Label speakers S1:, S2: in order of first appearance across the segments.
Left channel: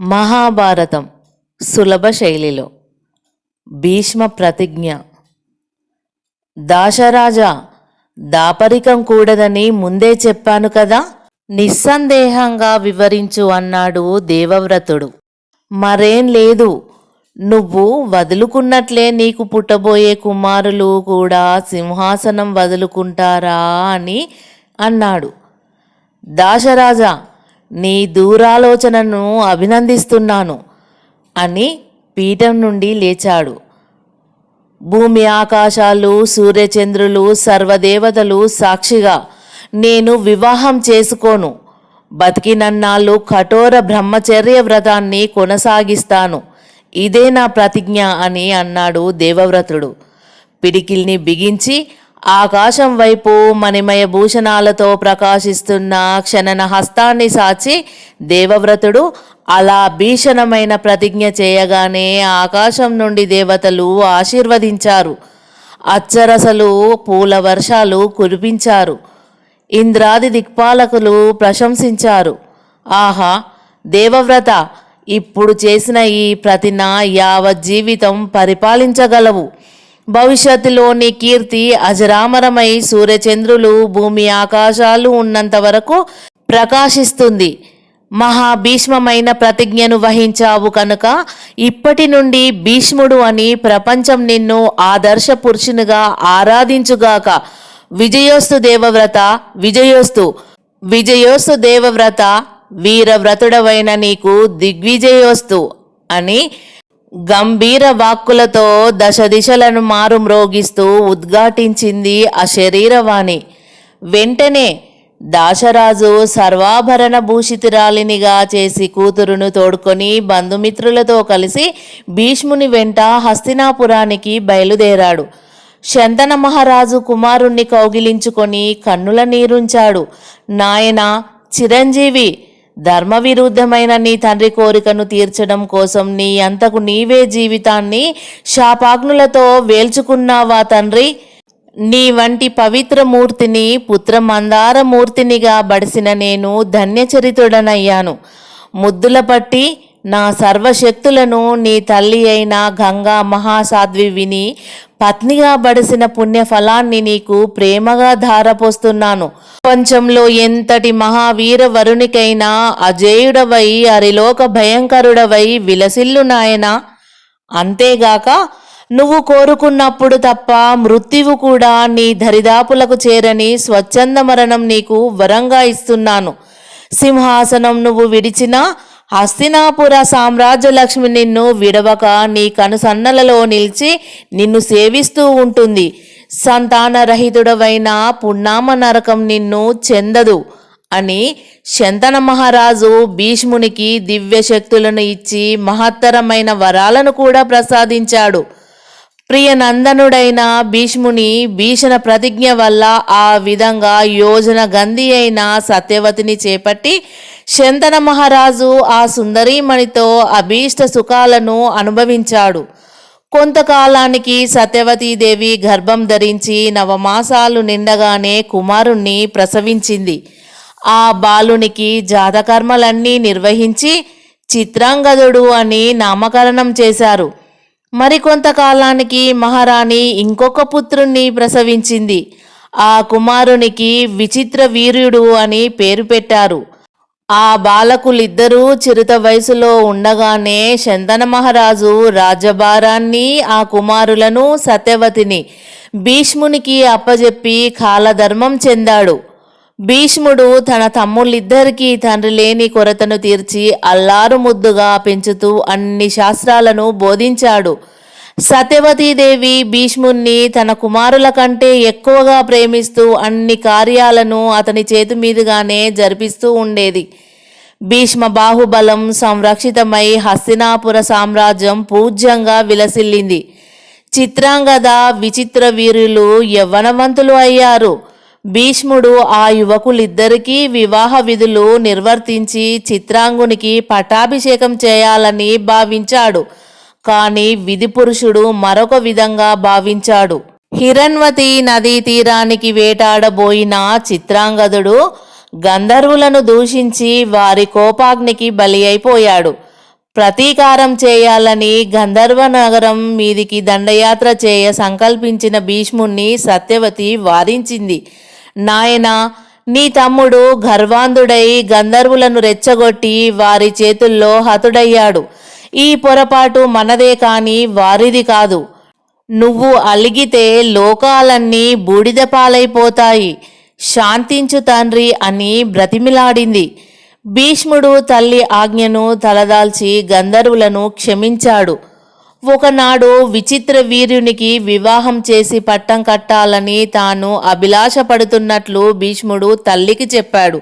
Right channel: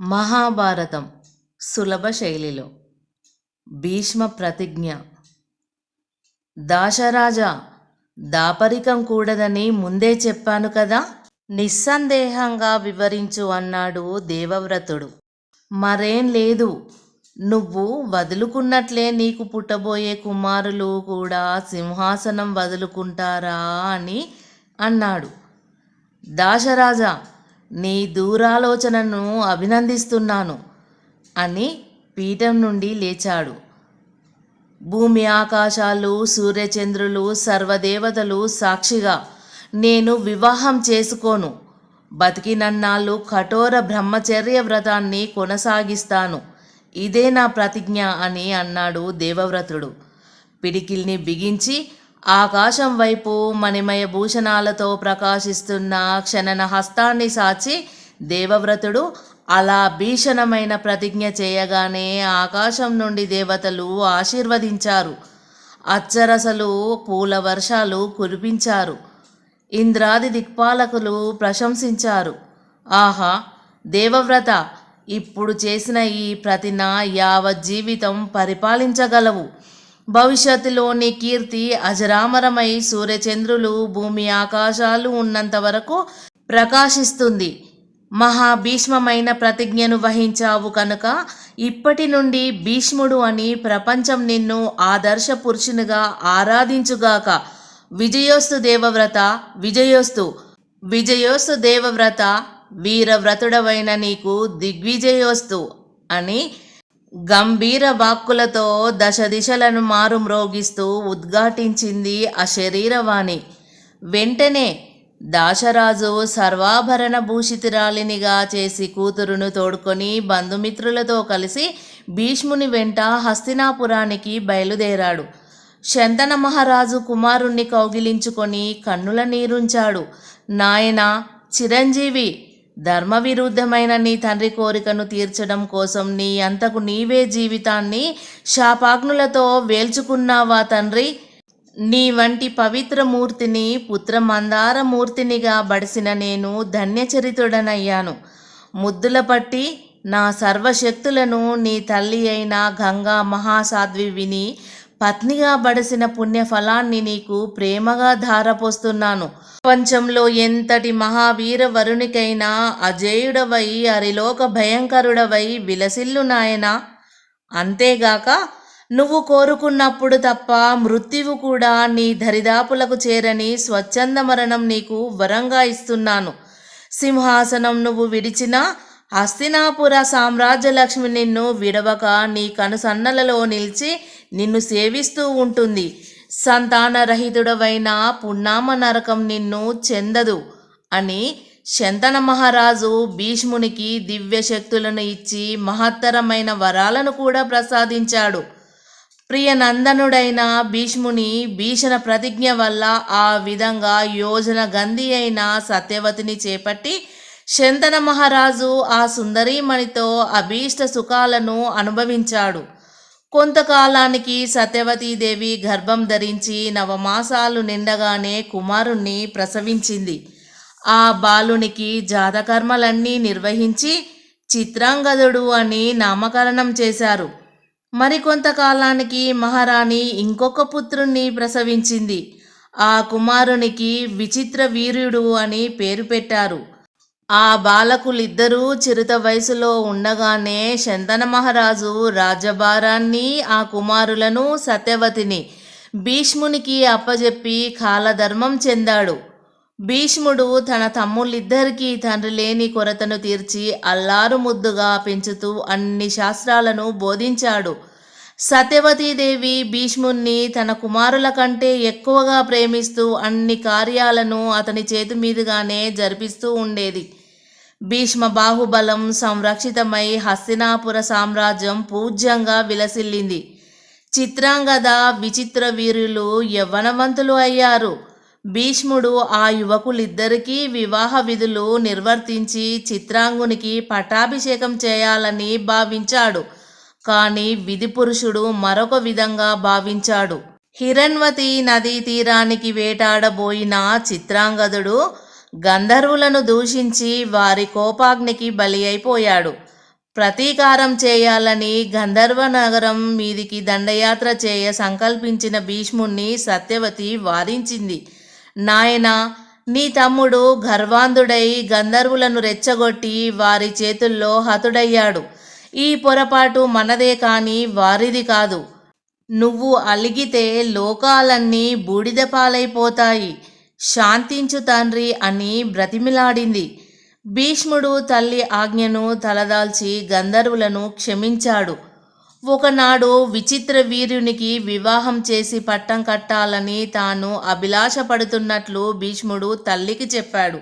S1: మహాభారతం సులభ శైలిలో. భీష్మ ప్రతిజ్ఞ. దాశరాజా దాపరికం కూడదని ముందే చెప్పాను కదా? నిస్సందేహంగా వివరించు అన్నాడు దేవవ్రతుడు. మరేం లేదు. నువ్వు వదులుకున్నట్లే నీకు పుట్టబోయే కుమారులు కూడా సింహాసనం వదులుకుంటారా అని అన్నాడు. దాశరాజా నీ దూరాలోచనను అభినందిస్తున్నాను అని పీఠం నుండి లేచాడు. భూమి ఆకాశాలు సూర్యచంద్రులు సర్వదేవతలు సాక్షిగా నేను వివాహం చేసుకోను. బతికినన్నాళ్ళు కఠోర బ్రహ్మచర్య వ్రతాన్ని కొనసాగిస్తాను. ఇదే నా ప్రతిజ్ఞ అని అన్నాడు దేవవ్రతుడు. పిడికిల్ని బిగించి ఆకాశం వైపు మణిమయ భూషణాలతో ప్రకాశిస్తున్న క్షణన హస్తాన్ని సాచి దేవవ్రతుడు అలా భీషణమైన ప్రతిజ్ఞ చేయగానే ఆకాశం నుండి దేవతలు ఆశీర్వదించారు. అచ్చరసలు పూల వర్షాలు కురిపించారు. ఇంద్రాది దిక్పాలకులు ప్రశంసించారు. ఆహా దేవవ్రత ఇప్పుడు చేసిన ఈ ప్రతిన యావజ్జీవితం పరిపాలించగలవు. భవిష్యత్తులో నీ కీర్తి అజరామరమై సూర్యచంద్రులు భూమి ఆకాశాలు ఉన్నంత వరకు ప్రకాశిస్తుంది. మహాభీష్మమైన ప్రతిజ్ఞను వహించావు కనుక ఇప్పటి నుండి భీష్ముడు అని ప్రపంచం నిన్ను ఆదర్శ పురుషునిగా ఆరాధించుగాక. విజయోస్తు దేవవ్రత విజయోస్తు. విజయోస్తు దేవవ్రత వీరవ్రతుడవైన నీకు దిగ్విజయోస్తు అని గంభీర వాక్కులతో దశ దిశలను మారుమ్రోగిస్తూ ఉద్ఘాటించింది ఆ శరీరవాణి. వెంటనే దాశరాజు సర్వాభరణ భూషితురాలినిగా చేసి కూతురును తోడుకొని బంధుమిత్రులతో కలిసి భీష్ముని వెంట హస్తినాపురానికి బయలుదేరాడు. శంతన మహారాజు కుమారుణ్ణి కౌగిలించుకొని కన్నుల నీరుంచాడు. నాయన చిరంజీవి ధర్మ విరుద్ధమైన నీ తండ్రి కోరికను తీర్చడం కోసం నీ అంతకు నీవే జీవితాన్ని శాపాగ్నులతో వేల్చుకున్నావా తండ్రి? నీ వంటి పవిత్ర మూర్తిని పుత్ర మందార మూర్తినిగా బడిసిన నేను ధన్యచరితుడనయ్యాను. ముద్దుల పట్టి నా సర్వశక్తులను నీ తల్లి అయిన గంగా మహాసాధ్వి విని పత్నిగా బడిసిన పుణ్యఫలాన్ని నీకు ప్రేమగా ధారపోస్తున్నాను. ప్రపంచంలో ఎంతటి మహావీర వరునికైనా అజేయుడవై అరిలోక భయంకరుడవై విలసిల్లు నాయనా. అంతేగాక నువ్వు కోరుకున్నప్పుడు తప్ప మృత్యువు కూడా నీ దరిదాపులకు చేరని స్వచ్ఛంద మరణం నీకు వరంగా ఇస్తున్నాను. సింహాసనం నువ్వు విడిచినా హస్తినాపుర సామ్రాజ్య లక్ష్మి నిన్ను విడవక నీ కనుసన్నలలో నిలిచి నిన్ను సేవిస్తూ ఉంటుంది. సంతానరహితుడవైన పున్నామ నరకం నిన్ను చెందదు అని శంతన మహారాజు భీష్మునికి దివ్య శక్తులను ఇచ్చి మహత్తరమైన వరాలను కూడా ప్రసాదించాడు. ప్రియనందనుడైన భీష్ముని భీషణ ప్రతిజ్ఞ వల్ల ఆ విధంగా యోజన గంధి అయిన సత్యవతిని చేపట్టి శంతన మహారాజు ఆ సుందరీమణితో అభీష్ట సుఖాలను అనుభవించాడు. కొంతకాలానికి సత్యవతీదేవి గర్భం ధరించి నవమాసాలు నిండగానే కుమారుణ్ణి ప్రసవించింది. ఆ బాలునికి జాతకర్మలన్నీ నిర్వహించి చిత్రాంగదుడు అని నామకరణం చేశారు. మరికొంతకాలానికి మహారాణి ఇంకొక పుత్రుణ్ణి ప్రసవించింది. ఆ కుమారునికి విచిత్ర వీర్యుడు అని పేరు పెట్టారు. ఆ బాలకులిద్దరూ చిరుత వయసులో ఉండగానే శంతన మహారాజు రాజభారాన్ని ఆ కుమారులను సత్యవతిని భీష్మునికి అప్పజెప్పి కాలధర్మం చెందాడు. భీష్ముడు తన తమ్ముళ్ళిద్దరికీ తండ్రి లేని కొరతను తీర్చి అల్లారు ముద్దుగా పెంచుతూ అన్ని శాస్త్రాలను బోధించాడు. సత్యవతీదేవి భీష్ముణ్ణి తన కుమారుల కంటే ఎక్కువగా ప్రేమిస్తూ అన్ని కార్యాలను అతని చేతి మీదుగానే జరిపిస్తూ ఉండేది. భీష్మ బాహుబలం సంరక్షితమై హస్తినాపుర సామ్రాజ్యం పూజ్యంగా విలసిల్లింది. చిత్రాంగద విచిత్ర వీరులు యవ్వనవంతులు అయ్యారు. భీష్ముడు ఆ యువకులిద్దరికీ వివాహ విధులు నిర్వర్తించి చిత్రాంగునికి పట్టాభిషేకం చేయాలని భావించాడు. కానీ విధి పురుషుడు మరొక విధంగా భావించాడు. హిరణ్వతి నదీ తీరానికి వేటాడబోయిన చిత్రాంగదుడు గంధర్వులను దూషించి వారి కోపాగ్నికి బలి అయిపోయాడు. ప్రతీకారం చేయాలని గంధర్వ నగరం మీదికి దండయాత్ర చేయ సంకల్పించిన భీష్ముణ్ణి సత్యవతి వారించింది నాయనా నీ తమ్ముడు గర్వాంధుడై గంధర్వులను రెచ్చగొట్టి వారి చేతుల్లో హతుడయ్యాడు. ఈ పొరపాటు మనదే కాని వారిది కాదు. నువ్వు అలిగితే లోకాలన్నీ బూడిద పాలైపోతాయి. శాంతించు తండ్రి అని బ్రతిమిలాడింది. భీష్ముడు తల్లి ఆజ్ఞను తలదాల్చి గంధర్వులను క్షమించాడు. ఒకనాడు విచిత్ర వీర్యునికి వివాహం చేసి పట్టం కట్టాలని తాను అభిలాషపడుతున్నట్లు భీష్ముడు తల్లికి చెప్పాడు.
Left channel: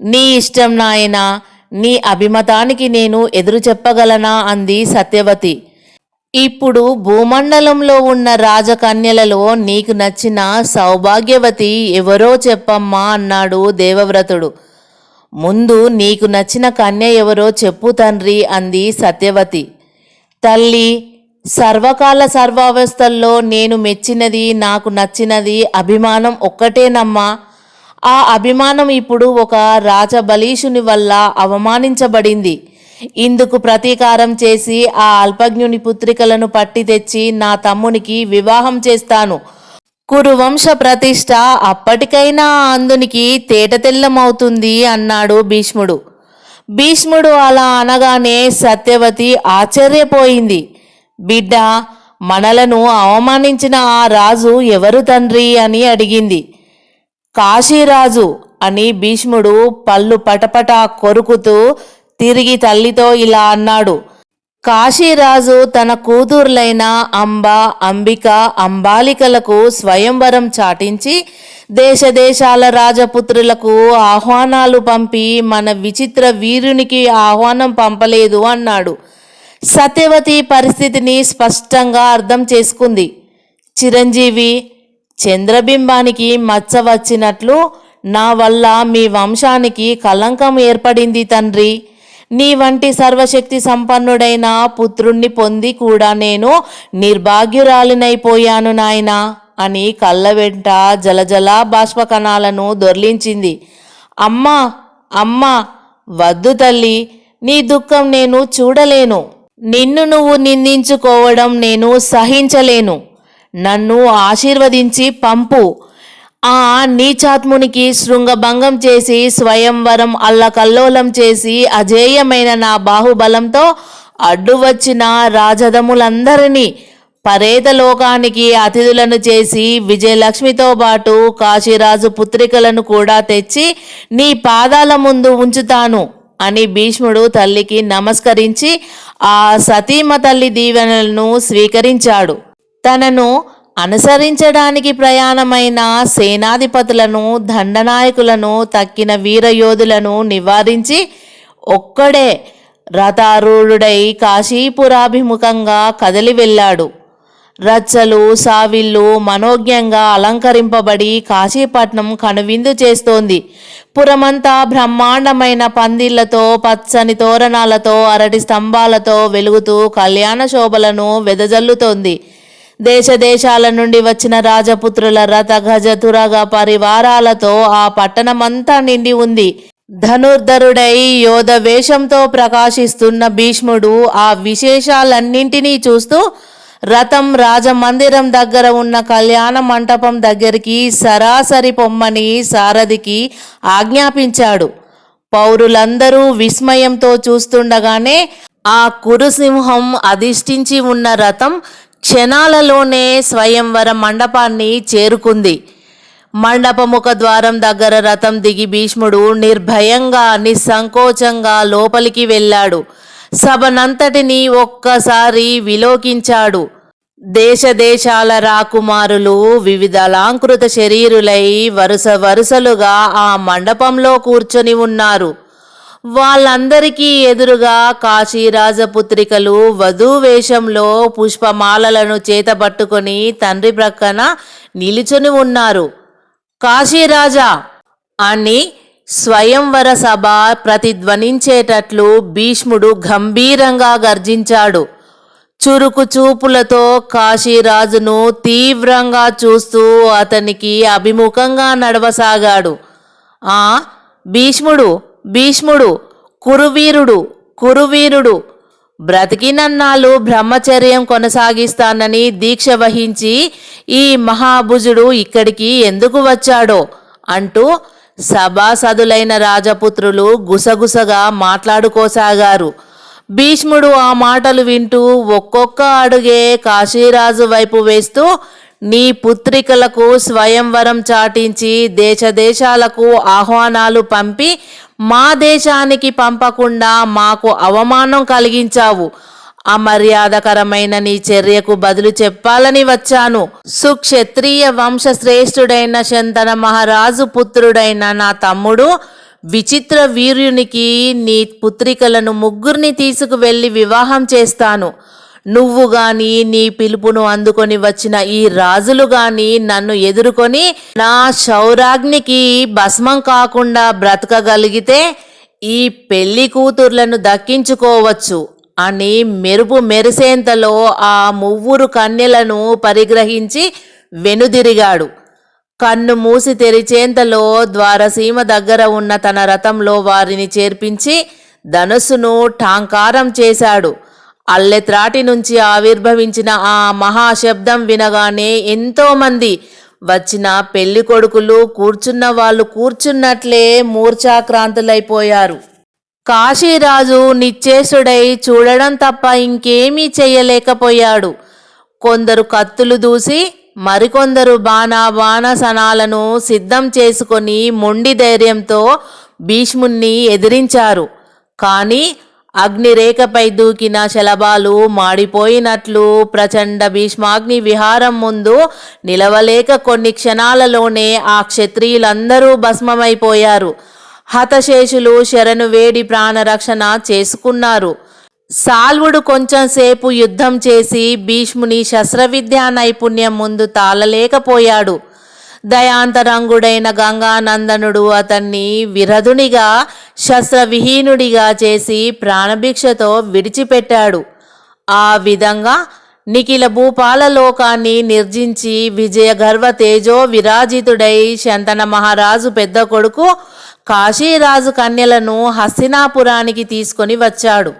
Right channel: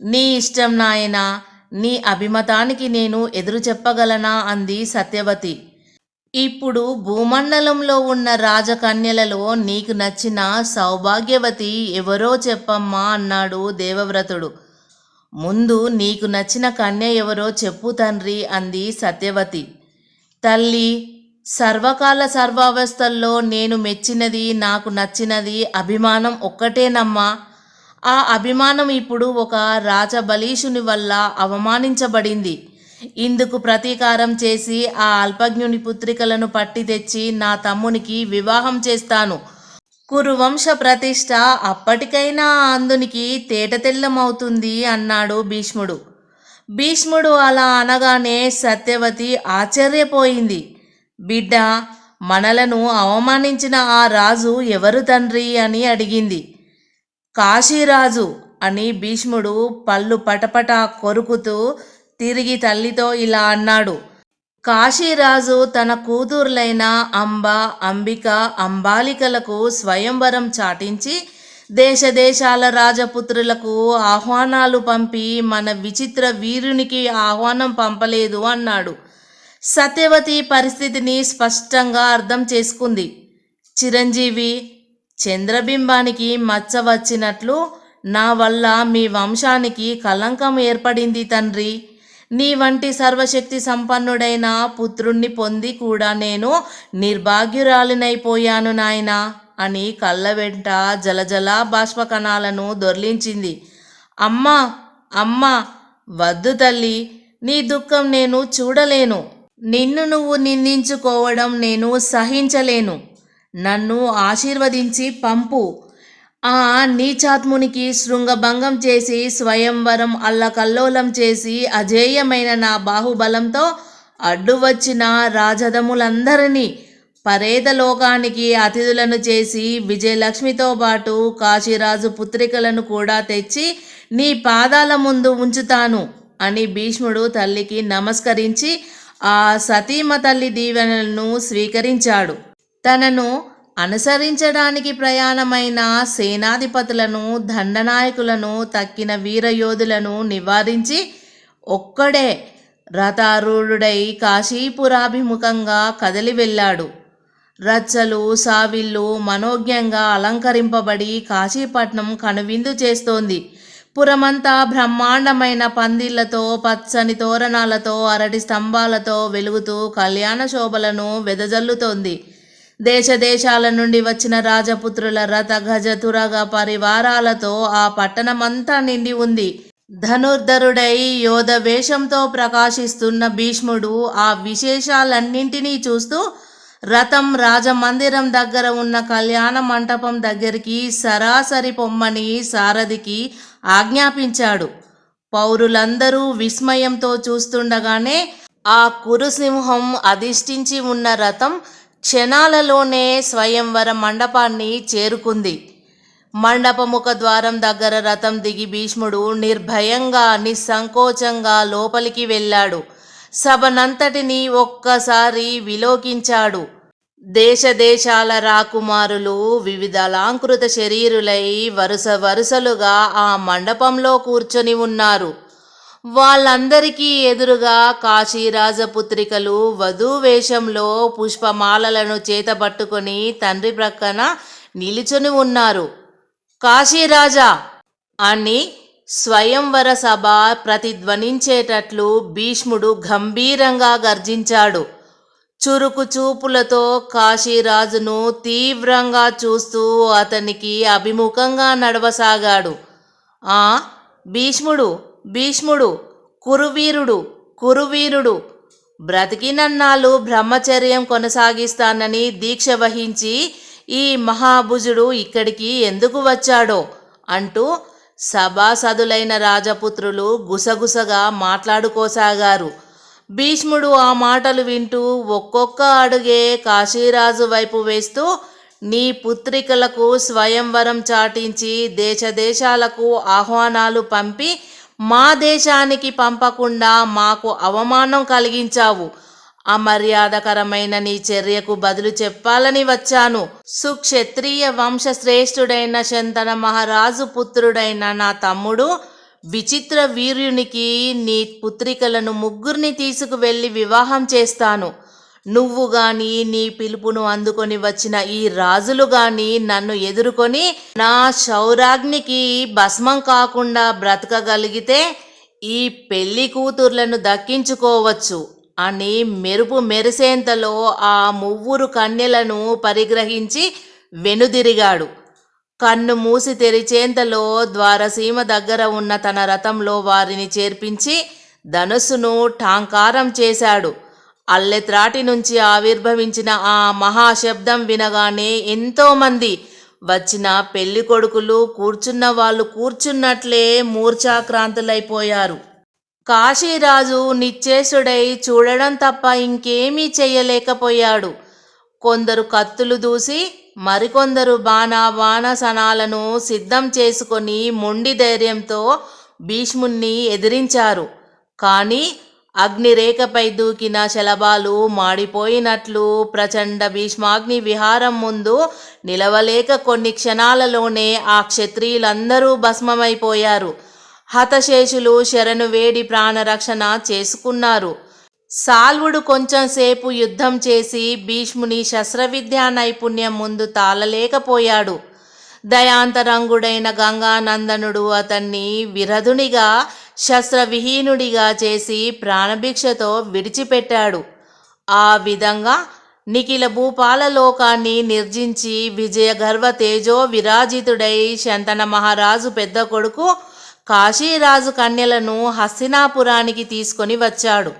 S1: నీ ఇష్టం నాయనా నీ అభిమతానికి నేను ఎదురు చెప్పగలనా? అంది సత్యవతి. ఇప్పుడు భూమండలంలో ఉన్న రాజకన్యలలో నీకు నచ్చిన సౌభాగ్యవతి ఎవరో చెప్పమ్మా అన్నాడు దేవవ్రతుడు. ముందు నీకు నచ్చిన కన్య ఎవరో చెప్పు తండ్రి అంది సత్యవతి. తల్లి సర్వకాల సర్వావస్థల్లో నేను మెచ్చినది నాకు నచ్చినది అభిమానం ఒక్కటేనమ్మా. ఆ అభిమానం ఇప్పుడు ఒక రాజబలీషుని వల్ల అవమానించబడింది. ఇందుకు ప్రతీకారం చేసి ఆ అల్పజ్ఞుని పుత్రికలను పట్టి తెచ్చి నా తమ్మునికి వివాహం చేస్తాను. కురువంశ ప్రతిష్ట అప్పటికైనా అందునికి తేటతెల్లమవుతుంది అన్నాడు భీష్ముడు. భీష్ముడు అలా అనగానే సత్యవతి ఆశ్చర్యపోయింది. బిడ్డ మనలను అవమానించిన ఆ రాజు ఎవరు తండ్రి? అని అడిగింది. కాశీరాజు అని భీష్ముడు పళ్ళు పటపట కొరుకుతూ తిరిగి తల్లితో ఇలా అన్నాడు. కాశీరాజు తన కూతుర్లైన అంబ అంబిక అంబాలికలకు స్వయంవరం చాటించి దేశదేశాల రాజపుత్రులకు ఆహ్వానాలు పంపి మన విచిత్ర వీరునికి ఆహ్వానం పంపలేదు అన్నాడు. సత్యవతి పరిస్థితిని స్పష్టంగా అర్థం చేసుకుంది. చిరంజీవి చంద్రబింబానికి మచ్చ వచ్చినట్లు నా వల్ల మీ వంశానికి కలంకం ఏర్పడింది తండ్రి. నీ వంటి సర్వశక్తి సంపన్నుడైన పుత్రుణ్ణి పొంది కూడా నేను నిర్భాగ్యురాలినైపోయాను నాయనా అని కళ్ళ వెంట జలజల బాష్పకణాలను దొర్లించింది. అమ్మా అమ్మా వద్దు తల్లి నీ దుఃఖం నేను చూడలేను. నిన్ను నువ్వు నిందించుకోవడం నేను సహించలేను. నన్ను ఆశీర్వదించి పంపు. ఆ నీచాత్మునికి శృంగభంగం చేసి స్వయంవరం అల్లకల్లోలం చేసి అజేయమైన నా బాహుబలంతో అడ్డు వచ్చిన రాజధములందరినీ పరేతలోకానికి అతిథులను చేసి విజయలక్ష్మితో పాటు కాశీరాజు పుత్రికలను కూడా తెచ్చి నీ పాదాల ముందు ఉంచుతాను అని భీష్ముడు తల్లికి నమస్కరించి ఆ సతీమ తల్లి దీవెనలను స్వీకరించాడు. తనను అనుసరించడానికి ప్రయాణమైన సేనాధిపతులను దండనాయకులను తక్కిన వీరయోధులను నివారించి ఒక్కడే రథారూఢుడై కాశీపురాభిముఖంగా కదలి వెళ్ళాడు. రచ్చలు సావిళ్ళు మనోజ్ఞంగా అలంకరింపబడి కాశీపట్నం కనువిందు చేస్తోంది. పురమంతా బ్రహ్మాండమైన పందిళ్ళతో పచ్చని తోరణాలతో అరటి స్తంభాలతో వెలుగుతూ కళ్యాణ శోభలను వెదజల్లుతోంది. దేశ దేశాల నుండి వచ్చిన రాజపుత్రుల రథ గజ తురగ పరివారాలతో ఆ పట్టణమంతా నిండి ఉంది. ధనుర్ధరుడై యోధ వేషంతో ప్రకాశిస్తున్న భీష్ముడు ఆ విశేషాలన్నింటినీ చూస్తూ రథం రాజమందిరం దగ్గర ఉన్న కళ్యాణ మంటపం దగ్గరికి సరాసరి పొమ్మని సారథికి ఆజ్ఞాపించాడు. పౌరులందరూ విస్మయంతో చూస్తుండగానే ఆ కురుసింహం అధిష్ఠించి ఉన్న రథం క్షణాలలోనే స్వయంవర మండపాన్ని చేరుకుంది. మండపముఖ ద్వారం దగ్గర రథం దిగి భీష్ముడు నిర్భయంగా నిస్సంకోచంగా లోపలికి వెళ్ళాడు. సభనంతటిని ఒక్కసారి విలోకించాడు. దేశ దేశాల రాకుమారులు వివిధ అలంకృత శరీరులై వరుస వరుసలుగా ఆ మండపంలో కూర్చొని ఉన్నారు. వాళ్ళందరికీ ఎదురుగా కాశీరాజపుత్రికలు వధూ వేషంలో పుష్పమాలలను చేతబట్టుకొని తండ్రి ప్రక్కన నిలుచుని ఉన్నారు. కాశీరాజా అని స్వయంవర సభ ప్రతిధ్వనించేటట్లు భీష్ముడు గంభీరంగా గర్జించాడు. చురుకు చూపులతో కాశీరాజును తీవ్రంగా చూస్తూ అతనికి అభిముఖంగా నడవసాగాడు. ఆ భీష్ముడు భీష్ముడు కురువీరుడు కురువీరుడు. బ్రతికినన్నాళ్ళు బ్రహ్మచర్యం కొనసాగిస్తానని దీక్ష వహించి ఈ మహాభుజుడు ఇక్కడికి ఎందుకు వచ్చాడో అంటూ సభాసదులైన రాజపుత్రులు గుసగుసగా మాట్లాడుకోసాగారు. భీష్ముడు ఆ మాటలు వింటూ ఒక్కొక్క అడుగే కాశీరాజు వైపు వేస్తూ నీ పుత్రికలకు స్వయంవరం చాటించి దేశదేశాలకు ఆహ్వానాలు పంపి మా దేశానికి పంపకుండా మాకు అవమానం కలిగించావు. అమర్యాదకరమైన నీ చర్యకు బదులు చెప్పాలని వచ్చాను. సుక్షత్రియ వంశశ్రేష్ఠుడైన శంతన మహారాజు పుత్రుడైన నా తమ్ముడు విచిత్ర వీర్యునికి నీ పుత్రికలను ముగ్గురిని తీసుకువెళ్ళి వివాహం చేస్తాను. నువ్వు గాని నీ పిలుపును అందుకొని వచ్చిన ఈ రాజులు గాని నన్ను ఎదుర్కొని నా శౌరాగ్నికి భస్మం కాకుండా బ్రతకగలిగితే ఈ పెళ్ళి కూతుర్లను దక్కించుకోవచ్చు అని మెరుపు మెరిసేంతలో ఆ మువ్వురు కన్యలను పరిగ్రహించి వెనుదిరిగాడు. కన్ను మూసి తెరిచేంతలో ద్వారసీమ దగ్గర ఉన్న తన రథంలో వారిని చేర్పించి ధనుస్సును ఠాంకారం చేశాడు. అల్లెత్రాటి నుంచి ఆవిర్భవించిన ఆ మహాశబ్దం వినగానే ఎంతోమంది వచ్చిన పెళ్ళి కొడుకులు కూర్చున్న వాళ్ళు కూర్చున్నట్లే మూర్ఛాక్రాంతులైపోయారు. కాశీరాజు నిశ్చేషుడై చూడడం తప్ప ఇంకేమీ చేయలేకపోయాడు కొందరు కత్తులు దూసి మరికొందరు బాణా బాణసనాలను సిద్ధం చేసుకొని మొండి ధైర్యంతో భీష్ముణ్ణి ఎదిరించారు. కానీ అగ్నిరేఖపై దూకిన శలభాలు మాడిపోయినట్లు ప్రచండ భీష్మాగ్ని విహారం ముందు నిలవలేక కొన్ని క్షణాలలోనే ఆ క్షత్రియులందరూ భస్మమైపోయారు. హతశేషులు శరణు వేడి ప్రాణరక్షణ చేసుకున్నారు. సాల్వుడు కొంచెం సేపు యుద్ధం చేసి భీష్ముని శస్త్రవిద్యా నైపుణ్యం ముందు తాళలేకపోయాడు. దయాంతరంగుడైన గంగానందనుడు అతన్ని విరధునిగా శస్త్రవిహీనుడిగా చేసి ప్రాణభిక్షతో విడిచిపెట్టాడు. ఆ విధంగా నిఖిల భూపాల లోకాన్ని నిర్జించి విజయ గర్వ తేజో విరాజితుడై శంతన మహారాజు పెద్ద కొడుకు కాశీరాజు కన్యలను హస్తినాపురానికి తీసుకొని వచ్చాడు.